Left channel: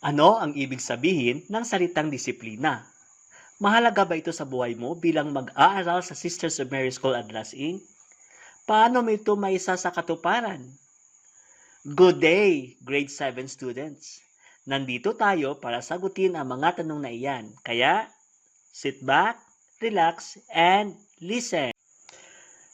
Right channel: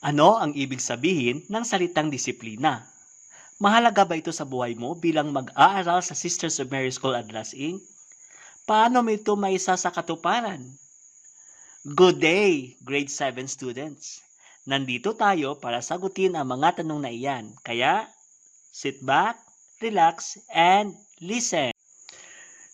Ano ang ibig sabihin ng salitang disiplina? Mahalaga ba ito sa buhay mo bilang mag-aaral sa Sisters of Mary School Adlas Inc? Paano mo ito maisa sa katuparan? Good day, grade 7 students. Nandito tayo para sagutin ang mga tanong na iyan. Kaya, sit back, relax, and listen.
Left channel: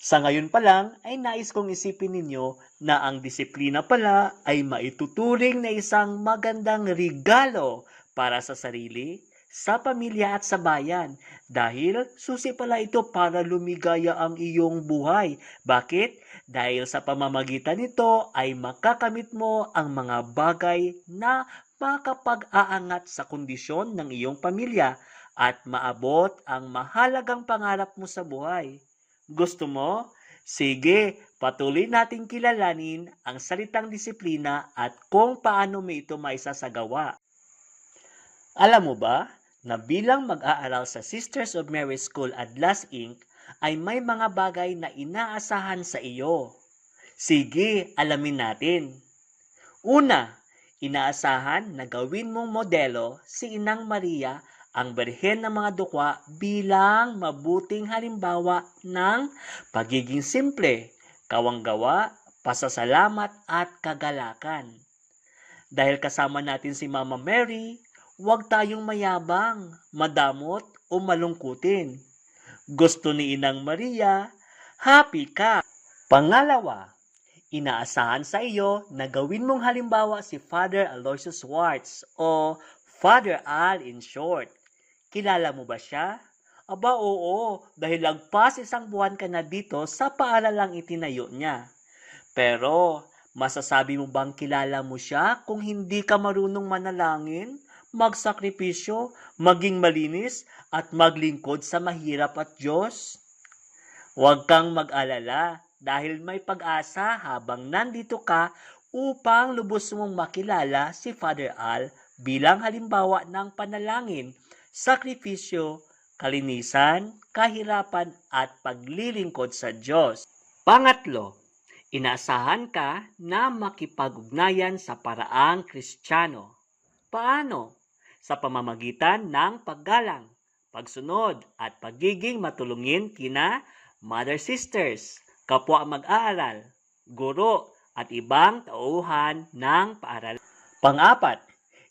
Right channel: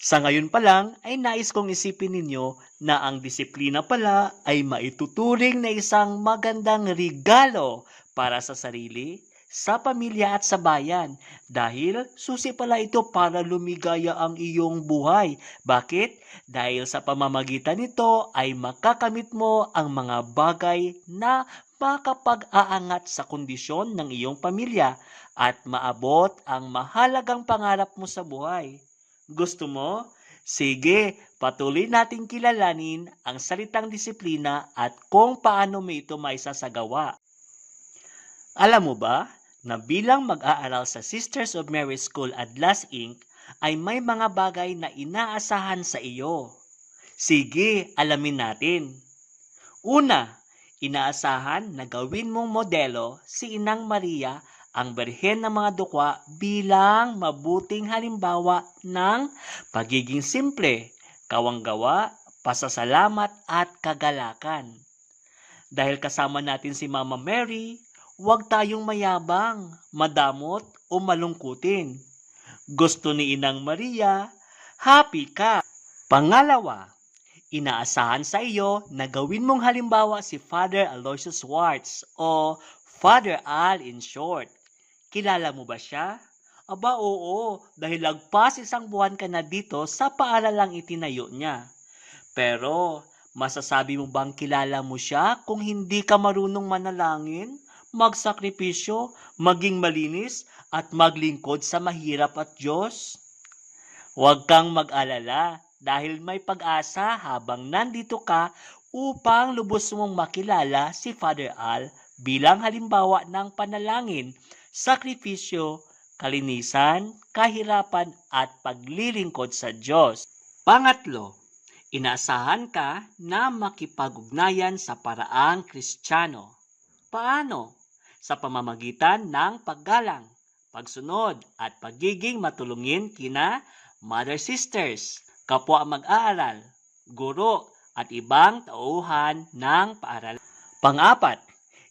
Sa ngayon pa lang ay nais kong isipin ninyo na ang disiplina pala ay maituturing na isang magandang regalo para sa sarili, sa pamilya at sa bayan dahil susi pala ito para lumigaya ang iyong buhay. Bakit? Dahil sa pamamagitan nito ay makakamit mo ang mga bagay na makapag-aangat sa kondisyon ng iyong pamilya at maabot ang mahalagang pangarap mo sa buhay. Gusto mo? Sige, patuloy nating kilalanin ang salitang disiplina at kung paano mo ito maisasagawa. Alam mo ba na bilang mag-aaral sa Sisters of Mary School Adlas Inc. ay may mga bagay na inaasahan sa iyo? Sige, alamin natin. Una, inaasahan na gawin mong modelo si Inang Maria ang Birhen ng mga Dukwa bilang mabuting halimbawa ng pagiging simple, kawanggawa, pasasalamat at kagalakan. Dahil kasama natin si Mama Mary, huwag tayong mayabang, madamot o malungkutin. Gusto ni Inang Maria, happy ka. Pangalawa, inaasahan sa iyo na gawin mong halimbawa si Father Aloysius Schwartz o Father Al in short. Kilala mo ba siya? Aba oo, dahil lagpas isang buwan ka na dito sa paaralang itinayo niya. Pero, masasabi mo bang kilala mo siya kung hindi ka marunong manalangin, magsakripisyo, maging malinis, at maglingkod sa mahirap at Diyos? Huwag kang mag-alala dahil may pag-asa habang nandito ka upang lubos mong makilala si Father Al bilang halimbawa ng panalangin, sakripisyo, kalinisan, kahirapan at paglilingkod sa Diyos. Pangatlo, inaasahan ka na makipag-ugnayan sa paraang Kristiyano. Paano? Sa pamamagitan ng paggalang, pagsunod at pagiging matulungin kina Mother Sisters, kapwa mag-aaral, guro at ibang tauhan ng paaralan. Pang-apat,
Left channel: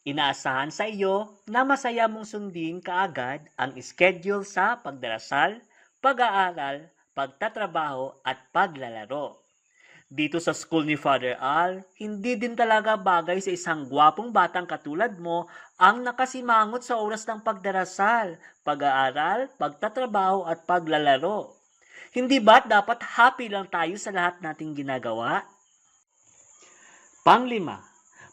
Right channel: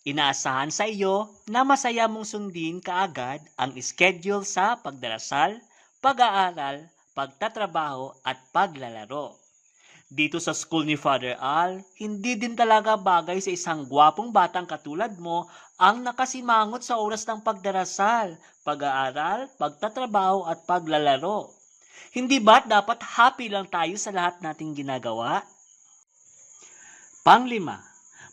inaasahan sa iyo na masaya mong sundin kaagad ang schedule sa pagdarasal, pag-aaral, pagtatrabaho at paglalaro. Dito sa school ni Father Al, hindi din talaga bagay sa isang gwapong batang katulad mo ang nakasimangot sa oras ng pagdarasal, pag-aaral, pagtatrabaho at paglalaro. Hindi ba't dapat happy lang tayo sa lahat nating ginagawa? Panglima,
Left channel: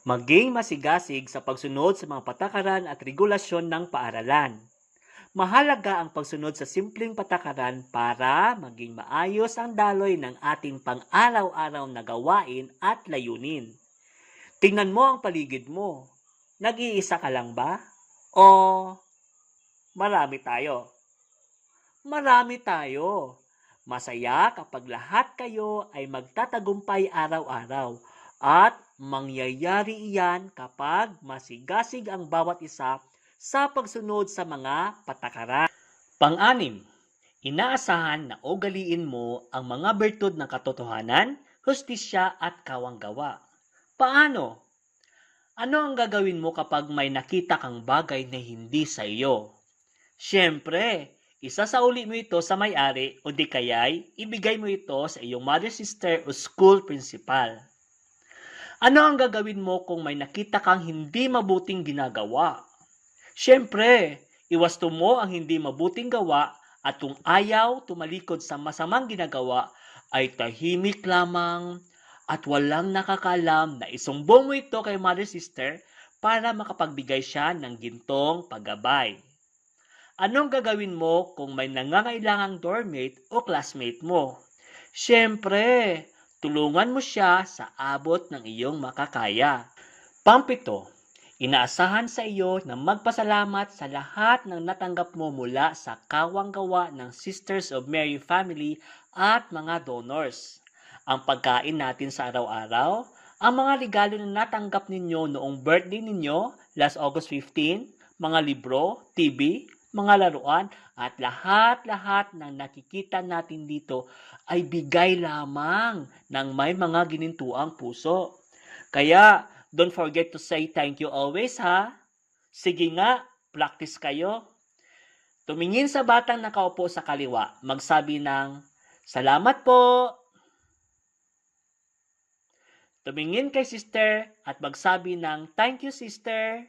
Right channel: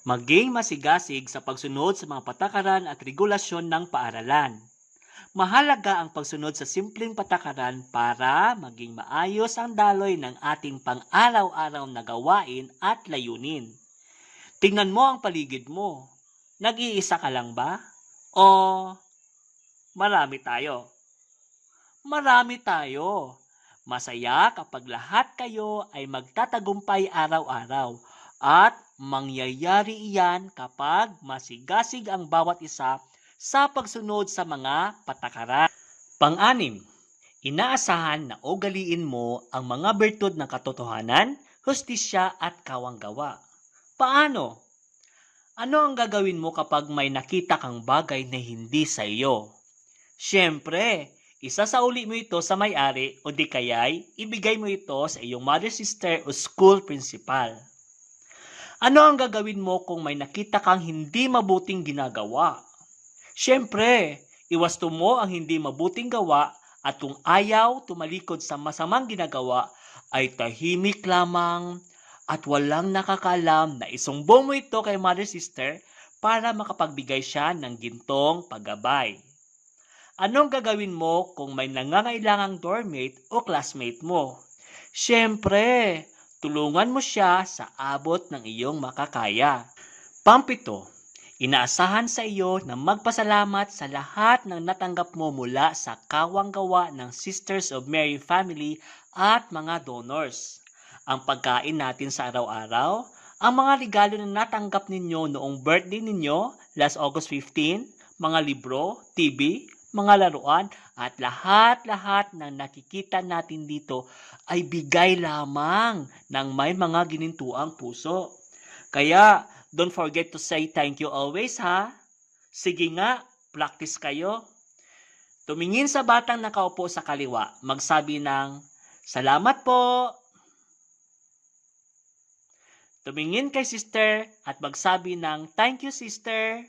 maging masigasig sa pagsunod sa mga patakaran at regulasyon ng paaralan. Mahalaga ang pagsunod sa simpleng patakaran para maging maayos ang daloy ng ating pang-araw-araw na gawain at layunin. Tingnan mo ang paligid mo. Nag-iisa ka lang ba? O marami tayo? Marami tayo. Masaya kapag lahat kayo ay magtatagumpay araw-araw at mangyayari iyan kapag masigasig ang bawat isa sa pagsunod sa mga patakaran. Pang-anim, inaasahan na ugaliin mo ang mga bertud ng katotohanan, hustisya at kawanggawa. Paano? Ano ang gagawin mo kapag may nakita kang bagay na hindi sa iyo? Siyempre, isasauli mo ito sa may-ari o di kaya'y ibigay mo ito sa iyong mother sister o school principal. Ano ang gagawin mo kung may nakita kang hindi mabuting ginagawa? Siyempre, iwasto mo ang hindi mabuting gawa at kung ayaw tumalikod sa masamang ginagawa ay tahimik lamang at walang nakakalam na isumbong mo ito kay mother sister para makapagbigay siya ng gintong paggabay. Anong gagawin mo kung may nangangailangang dormmate o classmate mo? Siyempre, tulungan mo siya sa abot ng iyong makakaya. Pampito, inaasahan sa iyo na magpasalamat sa lahat ng natanggap mo mula sa kawanggawa ng Sisters of Mary family at mga donors. Ang pagkain natin sa araw-araw, Ang mga regalo na natanggap ninyo noong birthday ninyo, last August 15, mga libro, TV, mga laruan, at lahat-lahat ng nakikita natin dito ay bigay lamang ng may mga ginintuang puso. Kaya, don't forget to say thank you always ha. Sige nga, practice kayo. Tumingin sa batang nakaupo sa kaliwa, magsabi ng, "Salamat po." Tumingin kay sister at magsabi ng, "Thank you, sister."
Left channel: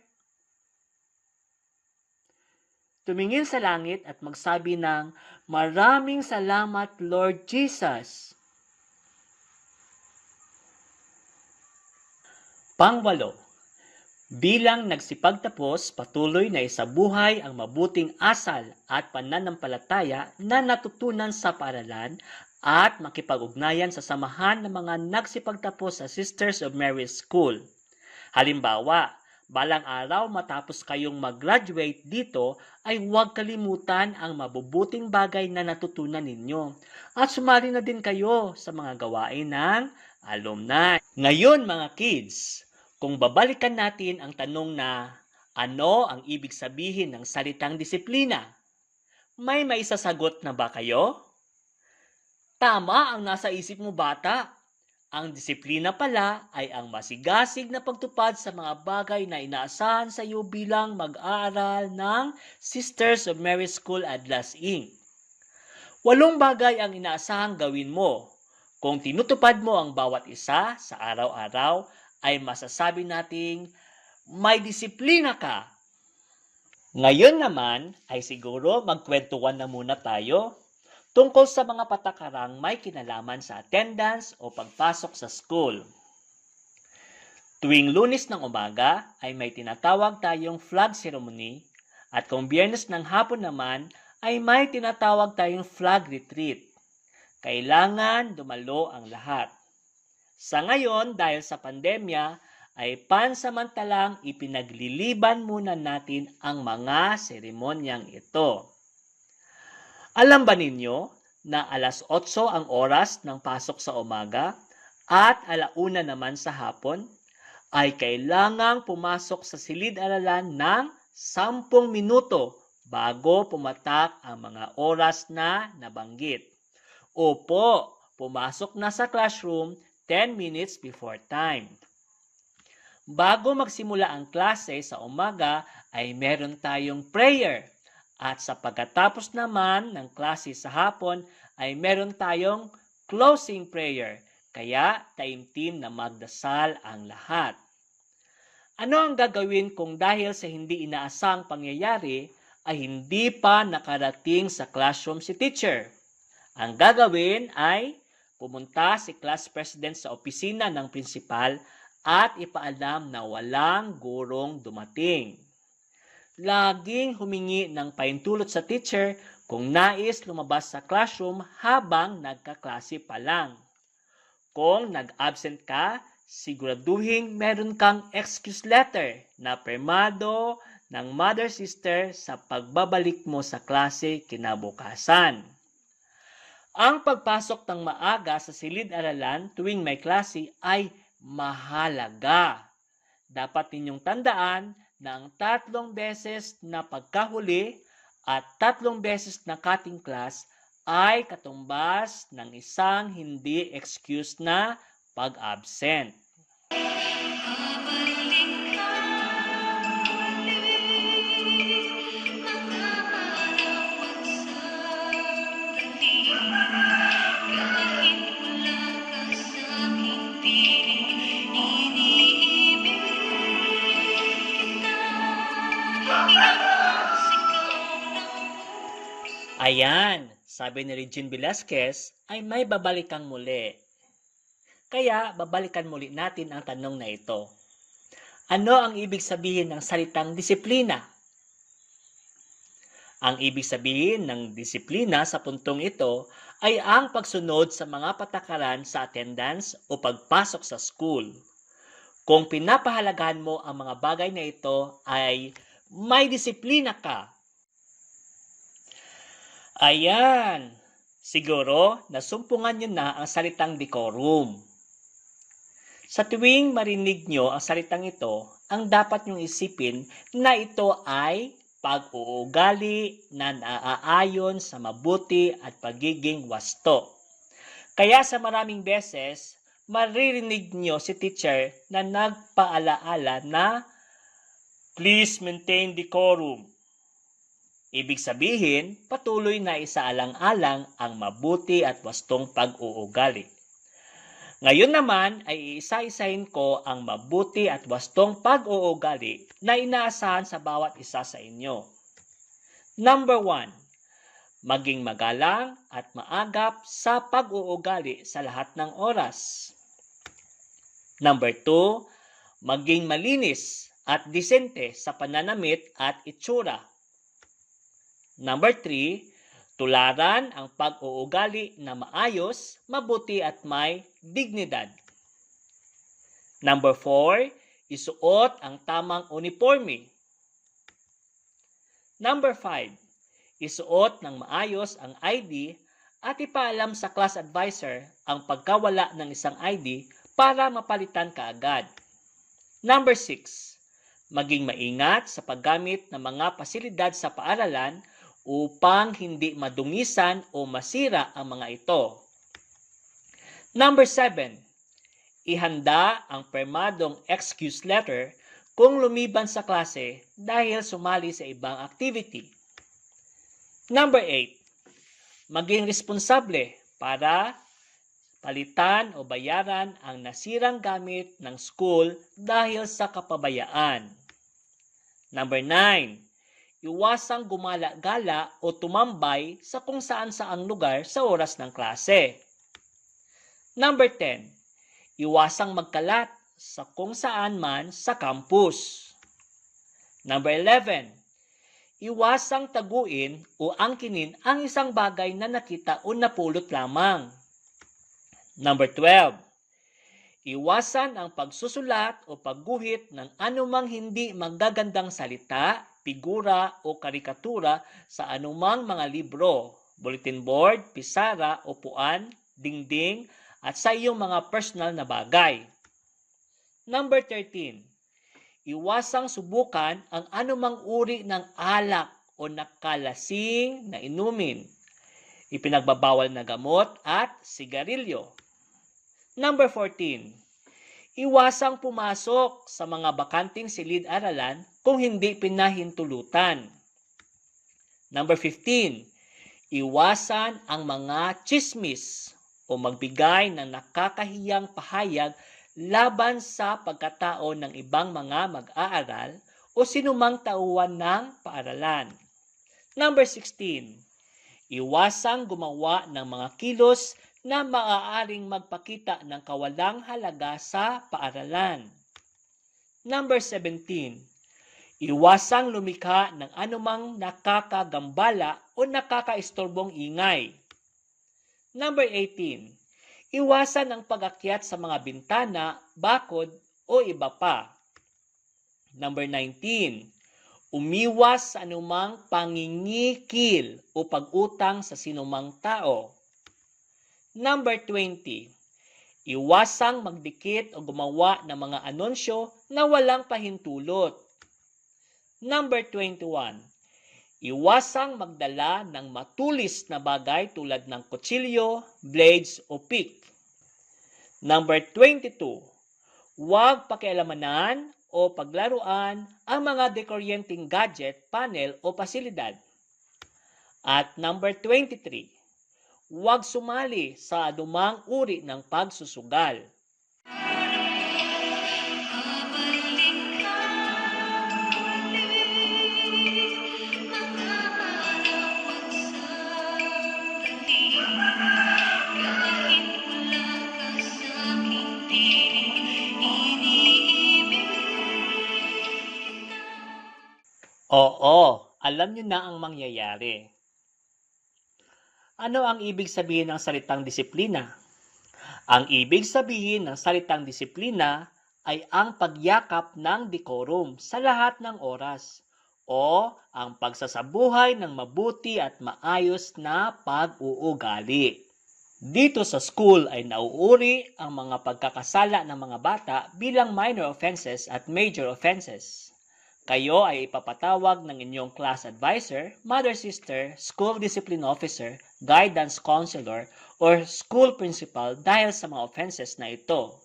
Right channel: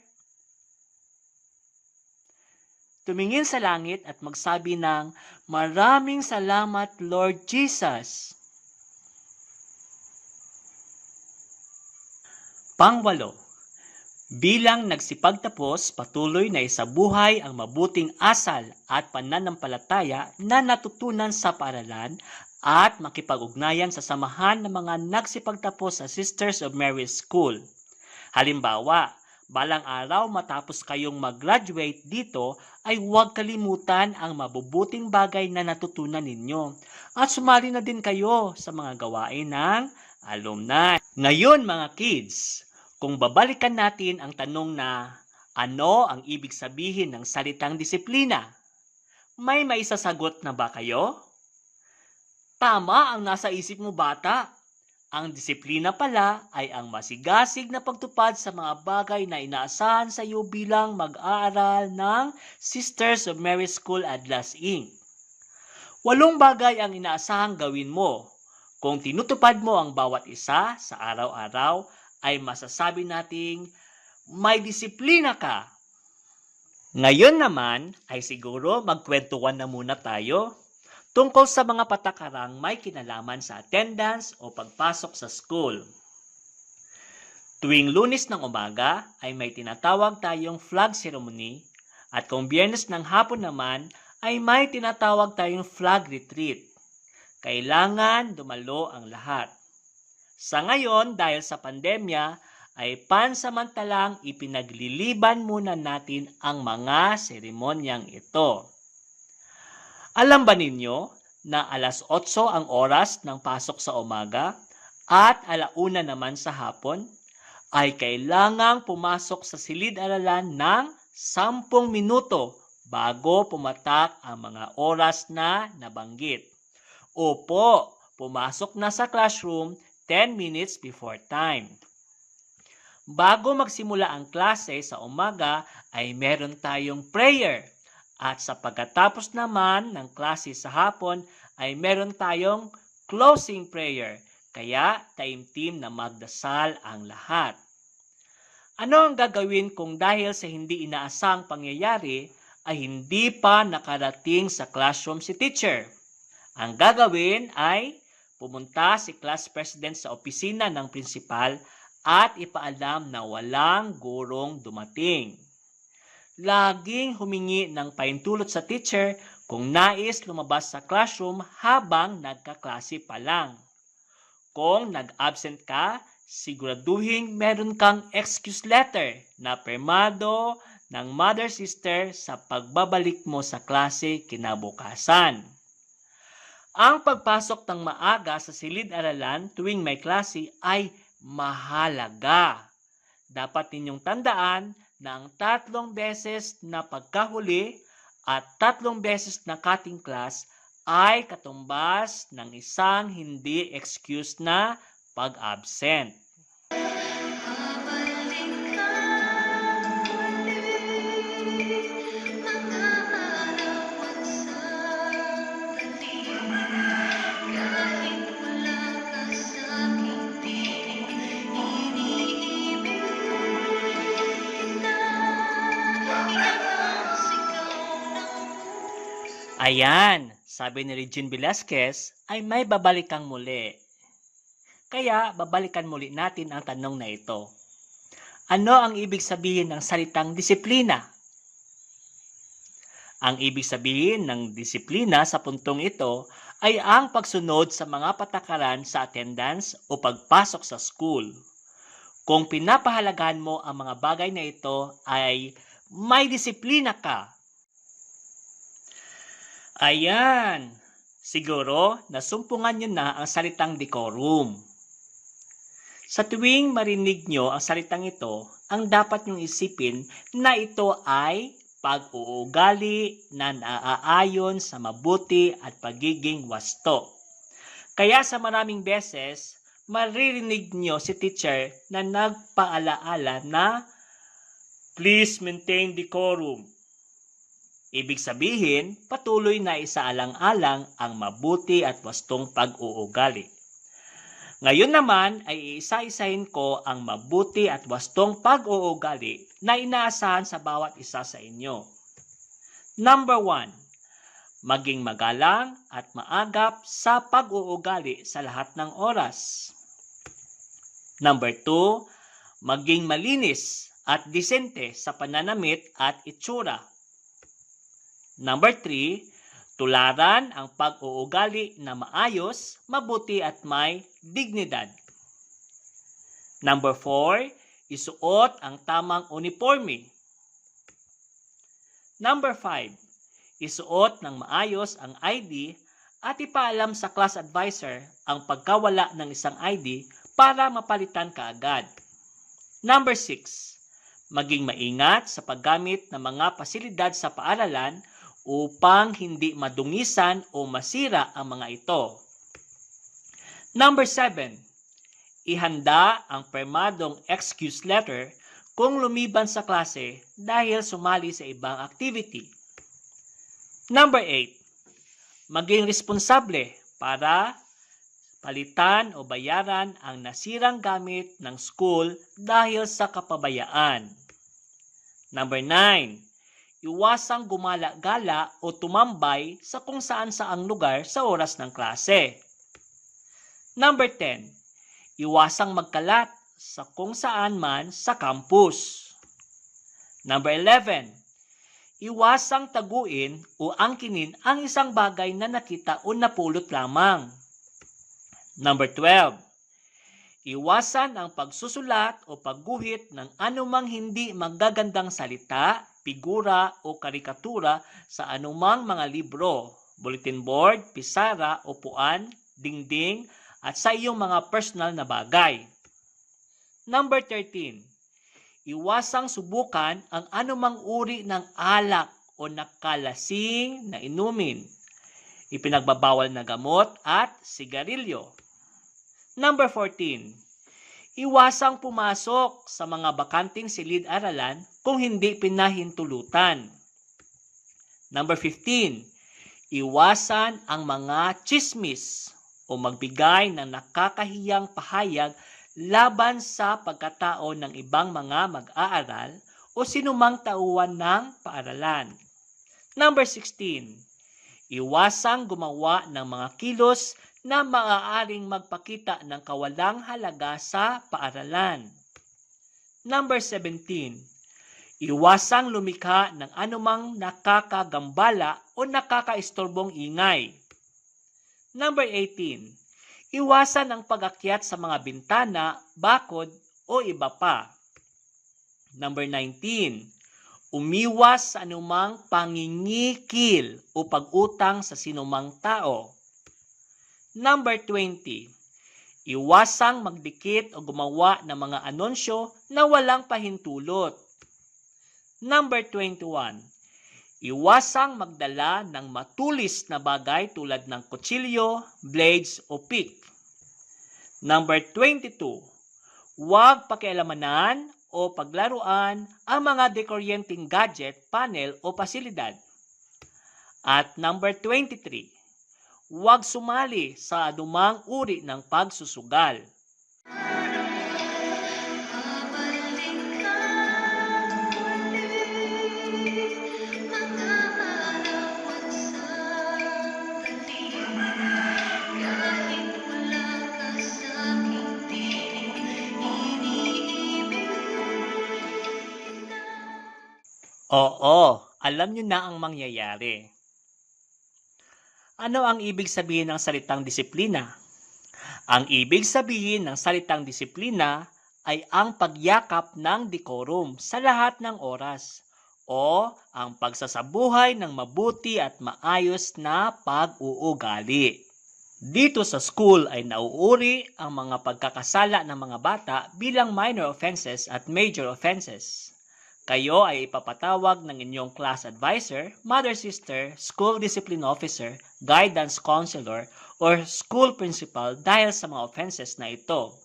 Tumingin sa langit at magsabi ng, "Maraming salamat, Lord Jesus." Pangwalo, bilang nagsipagtapos, patuloy na isabuhay ang mabuting asal at pananampalataya na natutunan sa paaralan at makipag-ugnayan sa samahan ng mga nagsipagtapos sa Sisters of Mary School. Halimbawa, balang araw matapos kayong mag-graduate dito ay huwag kalimutan ang mabubuting bagay na natutunan ninyo at sumali na din kayo sa mga gawain ng alumni. Ngayon mga kids, kung babalikan natin ang tanong na ano ang ibig sabihin ng salitang disiplina, may maisasagot na ba kayo? Tama ang nasa isip mo bata. Ang disiplina pala ay ang masigasig na pagtupad sa mga bagay na inaasahan sa iyo bilang mag-aaral ng Sisters of Mary School Adlas Inc. 8 bagay ang inaasahang gawin mo. Kung tinutupad mo ang bawat isa sa araw-araw, ay masasabi nating may disiplina ka. Ngayon naman ay siguro magkwentuhan na muna tayo tungkol sa mga patakarang may kinalaman sa attendance o pagpasok sa school. Tuwing Lunes ng umaga ay may tinatawag tayong flag ceremony at kung Biyernes ng hapon naman ay may tinatawag tayong flag retreat. Kailangan dumalo ang lahat. Sa ngayon, dahil sa pandemya, ay pansamantalang ipinagliliban muna natin ang mga seremonyang ito. Alam ba ninyo na 8:00 ang oras ng pasok sa umaga at 1:00 naman sa hapon ay kailangang pumasok sa silid-aralan ng 10 minuto bago pumatak ang mga oras na nabanggit. Opo, pumasok na sa classroom 10 minutes before time. Bago magsimula ang klase sa umaga ay meron tayong prayer. At sa pagkatapos naman ng klase sa hapon ay meron tayong closing prayer. Kaya taimtim na magdasal ang lahat. Ano ang gagawin kung dahil sa hindi inaasang pangyayari ay hindi pa nakarating sa classroom si teacher? Ang gagawin ay pumunta si class president sa opisina ng principal at ipaalam na walang gurong dumating. Laging humingi ng paintulot sa teacher kung nais lumabas sa classroom habang nagkaklase pa lang. Kung nag-absent ka, siguraduhin meron kang excuse letter na pirmado ng mother sister sa pagbabalik mo sa klase kinabukasan. Ang pagpasok ng maaga sa silid-aralan tuwing may klase ay mahalaga. Dapat ninyong tandaan na ang 3 beses na pagkahuli at 3 beses na cutting class ay katumbas ng isang hindi excuse na pag-absent. Ayan, sabi ni Regine Velasquez ay may babalikan muli. Kaya babalikan muli natin ang tanong na ito. Ano ang ibig sabihin ng salitang disiplina? Ang ibig sabihin ng disiplina sa puntong ito ay ang pagsunod sa mga patakaran sa attendance o pagpasok sa school. Kung pinapahalagahan mo ang mga bagay na ito ay may disiplina ka. Ayan, siguro nasumpungan nyo na ang salitang decorum. Sa tuwing marinig nyo ang salitang ito, ang dapat nyong isipin na ito ay pag-uugali na naaayon sa mabuti at pagiging wasto. Kaya sa maraming beses, maririnig nyo si teacher na nagpaalaala na please maintain decorum. Ibig sabihin, patuloy na isaalang-alang ang mabuti at wastong pag-uugali. Ngayon naman ay iisa-isahin ko ang mabuti at wastong pag-uugali na inaasahan sa bawat isa sa inyo. Number 1, maging magalang at maagap sa pag-uugali sa lahat ng oras. Number 2, maging malinis at disente sa pananamit at itsura. Number 3, tularan ang pag-uugali na maayos, mabuti at may dignidad. Number 4, isuot ang tamang uniforme. Number 5, isuot ng maayos ang ID at ipaalam sa class advisor ang pagkawala ng isang ID para mapalitan kaagad. Number 6, maging maingat sa paggamit ng mga pasilidad sa paaralan upang hindi madungisan o masira ang mga ito. Number 7, ihanda ang permadong excuse letter kung lumiban sa klase dahil sumali sa ibang activity. Number 8, maging responsable para palitan o bayaran ang nasirang gamit ng school dahil sa kapabayaan. Number 9, iwasang gumala-gala o tumambay sa kung saan-saang lugar sa oras ng klase. Number 10, iwasang magkalat sa kung saan man sa campus. Number 11, iwasang taguin o angkinin ang isang bagay na nakita o napulot lamang. Number 12, iwasan ang pagsusulat o pagguhit ng anumang hindi magagandang salita, figura o karikatura sa anumang mga libro, bulletin board, pisara, upuan, dingding, at sa iyong mga personal na bagay. Number 13, iwasang subukan ang anumang uri ng alak o nakalasing na inumin, ipinagbabawal na gamot at sigarilyo. Number 14, iwasang pumasok sa mga bakanting silid-aralan kung hindi pinahintulutan. Number 15, iwasan ang mga chismis o magbigay ng nakakahiyang pahayag laban sa pagkatao ng ibang mga mag-aaral o sinumang tauhan ng paaralan. Number 16, iwasang gumawa ng mga kilos na maaaring magpakita ng kawalang halaga sa paaralan. Number 17, iwasang lumikha ng anumang nakakagambala o nakakaistorbong ingay. Number 18, iwasan ang pag-akyat sa mga bintana, bakod o iba pa. Number 19, umiwas sa anumang pangingikil o pag-utang sa sinumang tao. Number 20, iwasang magdikit o gumawa ng mga anunsyo na walang pahintulot. Number 21, iwasang magdala ng matulis na bagay tulad ng kutsilyo, blades o pick. Number 22, huwag pakialamanan o paglaruan ang mga dekoryenting gadget, panel o pasilidad. At number 23, huwag sumali sa anumang uri ng pagsusugal. Oo, alam niyo na ang mangyayari. Ano ang ibig sabihin ng salitang disiplina? Ang ibig sabihin ng salitang disiplina ay ang pagyakap ng decorum sa lahat ng oras o ang pagsasabuhay ng mabuti at maayos na pag-uugali. Dito sa school ay nauuri ang mga pagkakasala ng mga bata bilang minor offenses at major offenses. Kayo ay ipapatawag ng inyong class advisor, mother sister, school discipline officer, guidance counselor, or school principal dahil sa mga offenses na ito.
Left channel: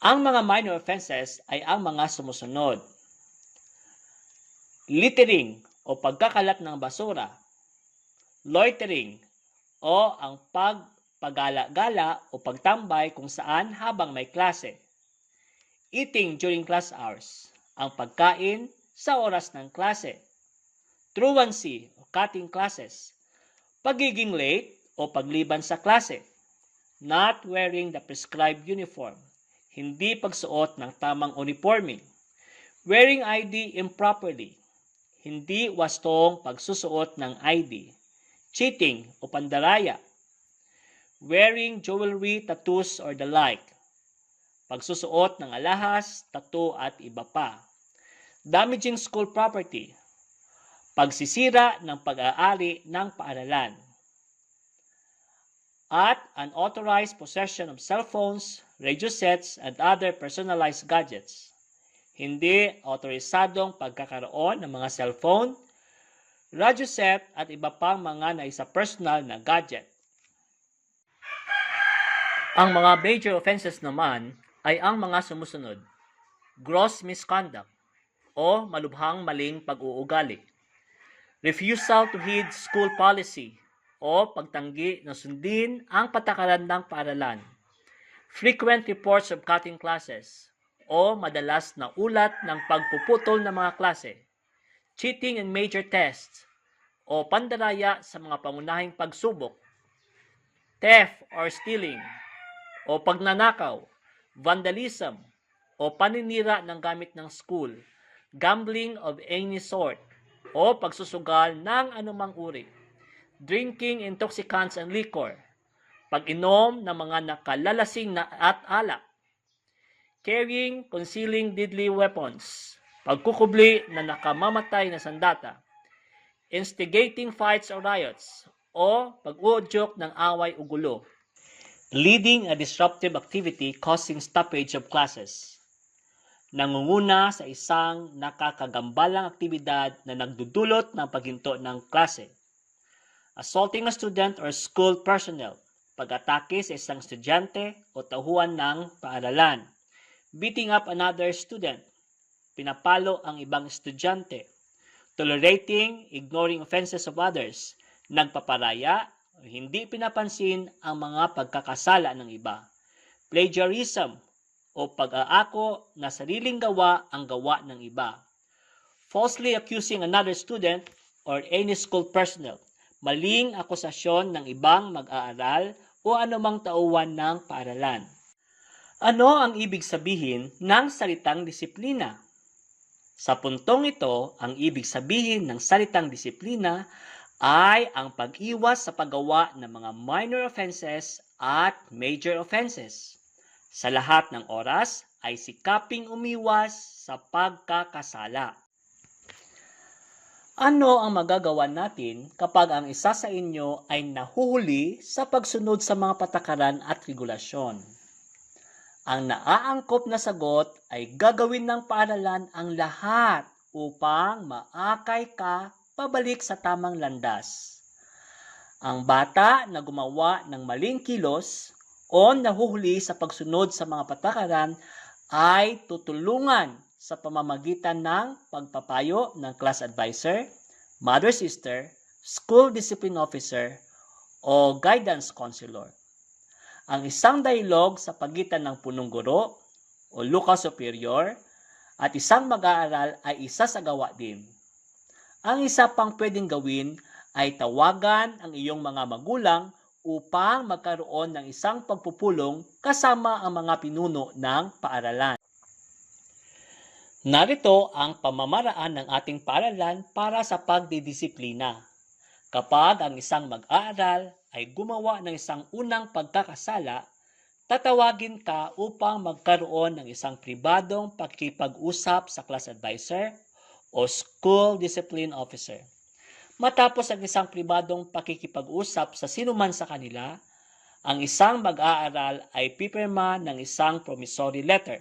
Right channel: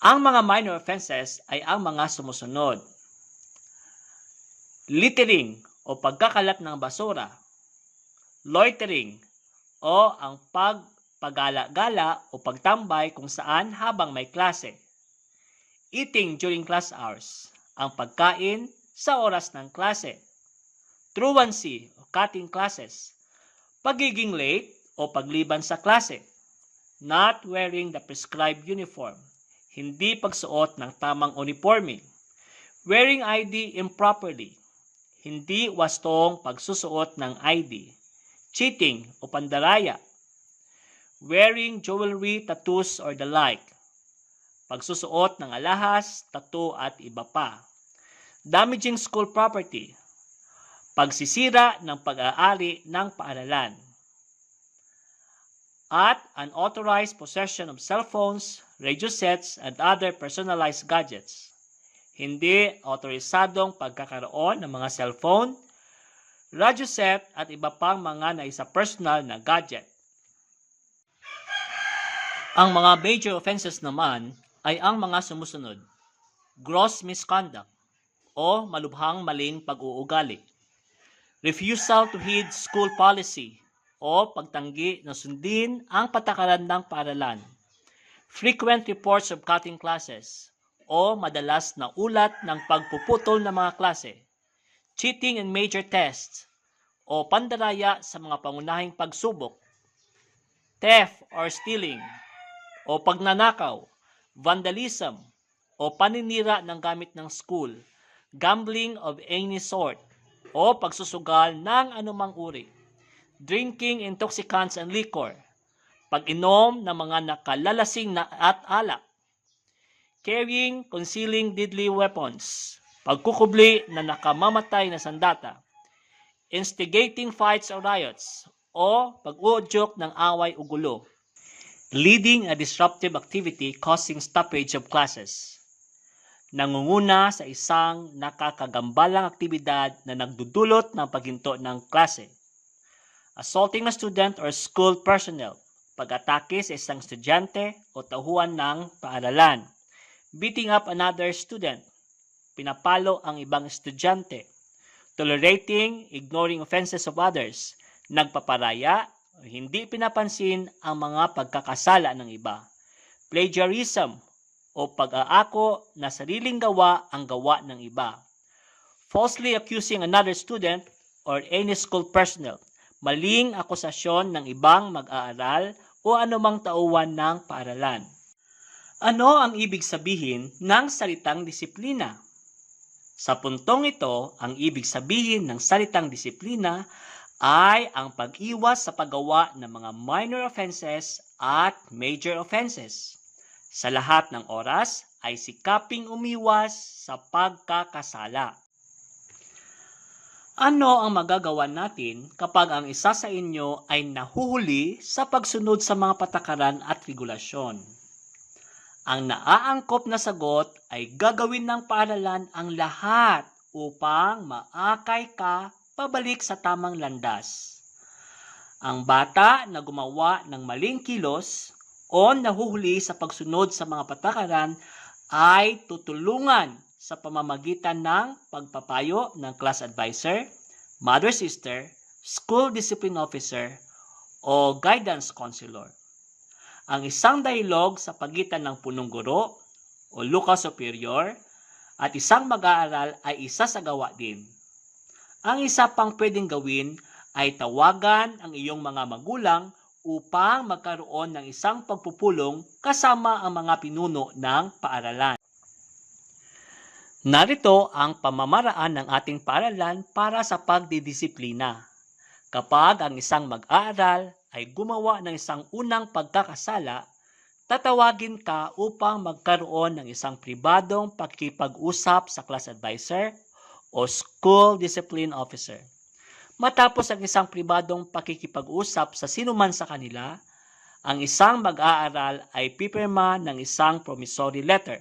Ang mga minor offenses ay ang mga sumusunod: littering o pagkakalat ng basura, loitering o ang pagpagala-gala o pagtambay kung saan habang may klase, eating during class hours, ang pagkain sa oras ng klase, truancy o cutting classes, pagiging late o pagliban sa klase, not wearing the prescribed uniform, hindi pagsuot ng tamang uniforme, wearing ID improperly, hindi wastong pagsusuot ng ID, cheating o pandaraya, wearing jewelry, tattoos, or the like, pagsusuot ng alahas, tattoo at iba pa, damaging school property, pagsisira ng pag-aari ng paaralan, at unauthorized possession of cellphones, radio sets, and other personalized gadgets. Hindi autorisadong pagkakaroon ng mga cellphone, radio set, at iba pang mga naisa personal na gadget. Ang mga major offenses naman ay ang mga sumusunod: gross misconduct o malubhang maling pag-uugali, refusal to heed school policy o pagtanggi na sundin ang patakaran ng paaralan, frequent reports of cutting classes o madalas na ulat ng pagpuputol ng mga klase, cheating in major tests o pandaraya sa mga pangunahing pagsubok, theft or stealing o pagnanakaw, vandalism o paninira ng gamit ng school, gambling of any sort o pagsusugal ng anumang uri, drinking intoxicants and liquor, pag-inom ng mga nakalalasing at alak, carrying, concealing deadly weapons, pagkukubli na nakamamatay na sandata, instigating fights or riots, o pag-uudyok ng away o gulo, leading a disruptive activity causing stoppage of classes, nangunguna sa isang nakakagambalang aktibidad na nagdudulot ng paghinto ng klase, assaulting a student or school personnel, pag-atake sa isang estudyante o tauhan ng paaralan, beating up another student, pinapalo ang ibang estudyante, tolerating, ignoring offenses of others, nagpaparaya o hindi pinapansin ang mga pagkakasala ng iba, plagiarism o pag-aako na sariling gawa ang gawa ng iba, falsely accusing another student or any school personnel, maling akusasyon ng ibang mag-aaral o anumang tauhan ng paaralan. Ano ang ibig sabihin ng salitang disiplina? Sa puntong ito, ang ibig sabihin ng salitang disiplina ay ang pag-iwas sa paggawa ng mga minor offenses at major offenses. Sa lahat ng oras ay sikaping umiwas sa pagkakasala. Ano ang magagawa natin kapag ang isa sa inyo ay nahuhuli sa pagsunod sa mga patakaran at regulasyon? Ang naaangkop na sagot ay gagawin ng paaralan ang lahat upang maakay ka pabalik sa tamang landas. Ang bata na gumawa ng maling kilos o nahuhuli sa pagsunod sa mga patakaran ay tutulungan sa pamamagitan ng pagpapayo ng class advisor, mother sister, school discipline officer, o guidance counselor. Ang isang dialog sa pagitan ng punong guro o local superior at isang mag-aaral ay isasagawa din. Ang isa pang pwedeng gawin ay tawagan ang iyong mga magulang upang magkaroon ng isang pagpupulong kasama ang mga pinuno ng paaralan. Narito ang pamamaraan ng ating paaralan para sa pagdidisiplina. Kapag ang isang mag-aaral ay gumawa ng isang unang pagkakasala, tatawagin ka upang magkaroon ng isang pribadong pakikipag-usap sa class advisor o school discipline officer. Matapos ang isang pribadong pakikipag-usap sa sinuman sa kanila, ang isang mag-aaral ay pipirma ng isang promissory letter.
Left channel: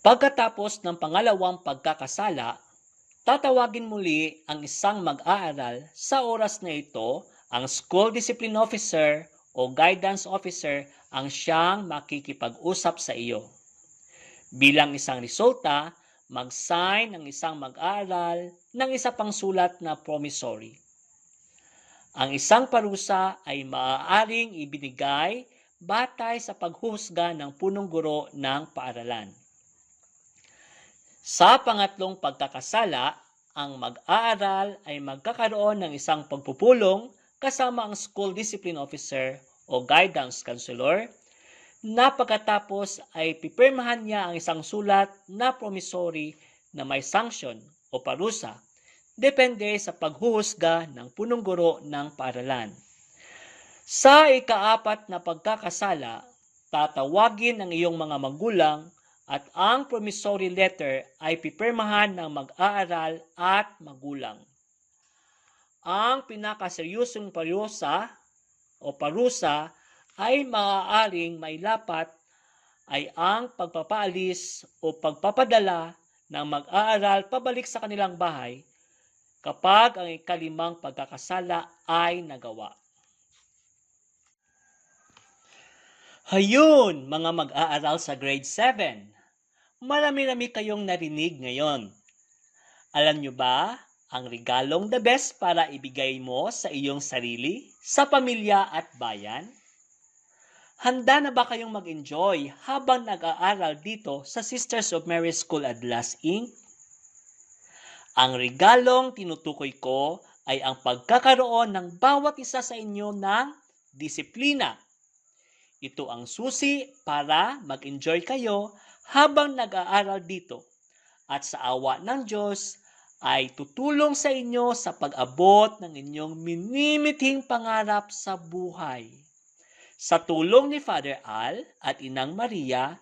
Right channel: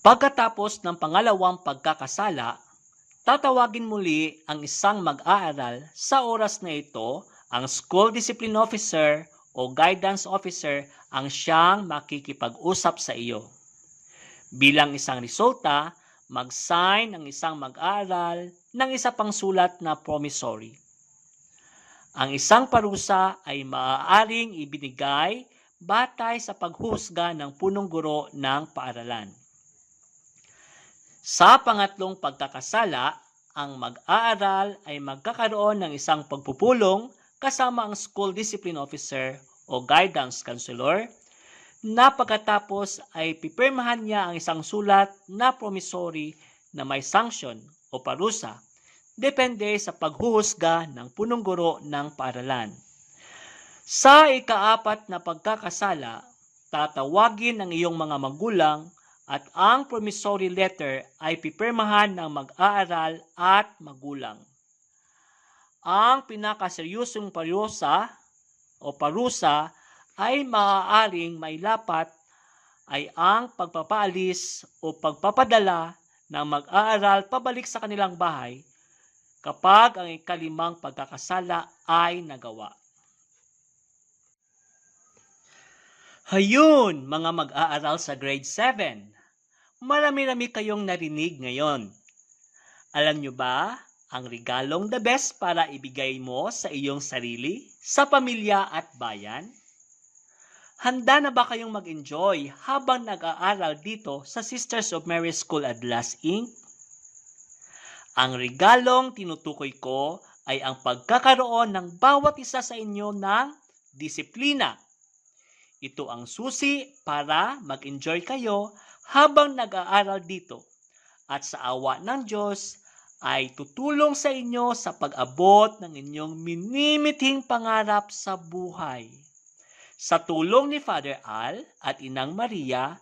Pagkatapos ng pangalawang pagkakasala, tatawagin muli ang isang mag-aaral. Sa oras na ito, ang school discipline officer o guidance officer ang siyang makikipag-usap sa iyo. Bilang isang resulta, mag-sign ang isang mag-aaral ng isa pang sulat na promissory. Ang isang parusa ay maaaring ibinigay batay sa paghuhusga ng punong guro ng paaralan. Sa pangatlong pagkakasala, ang mag-aaral ay magkakaroon ng isang pagpupulong kasama ang school discipline officer o guidance counselor na pagkatapos ay pipirmahan niya ang isang sulat na promissory na may sanction o parusa depende sa paghuhusga ng punong guro ng paaralan. Sa ikaapat na pagkakasala, tatawagin ang iyong mga magulang at ang promissory letter ay pipirmahan ng mag-aaral at magulang. Ang pinakaseryosong parusa ay maaaring mailapat ay ang pagpapaalis o pagpapadala ng mag-aaral pabalik sa kanilang bahay kapag ang ikalimang pagkakasala ay nagawa. Hayun, mga mag-aaral sa grade 7. Marami-rami kayong narinig ngayon. Alam nyo ba ang regalong the best para ibigay mo sa iyong sarili, sa pamilya at bayan? Handa na ba kayong mag-enjoy habang nag-aaral dito sa Sisters of Mary School Adlas Inc? Ang regalong tinutukoy ko ay ang pagkakaroon ng bawat isa sa inyo ng disiplina. Ito ang susi para mag-enjoy kayo habang nag-aaral dito at sa awa ng Diyos ay tutulong sa inyo sa pag-abot ng inyong minimithing pangarap sa buhay. Sa tulong ni Father Al at Inang Maria,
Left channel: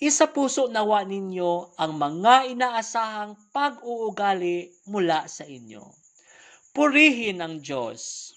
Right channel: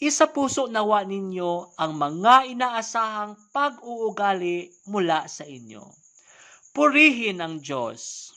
isapuso nawa ninyo ang mga inaasahang pag-uugali mula sa inyo. Purihin ang Diyos.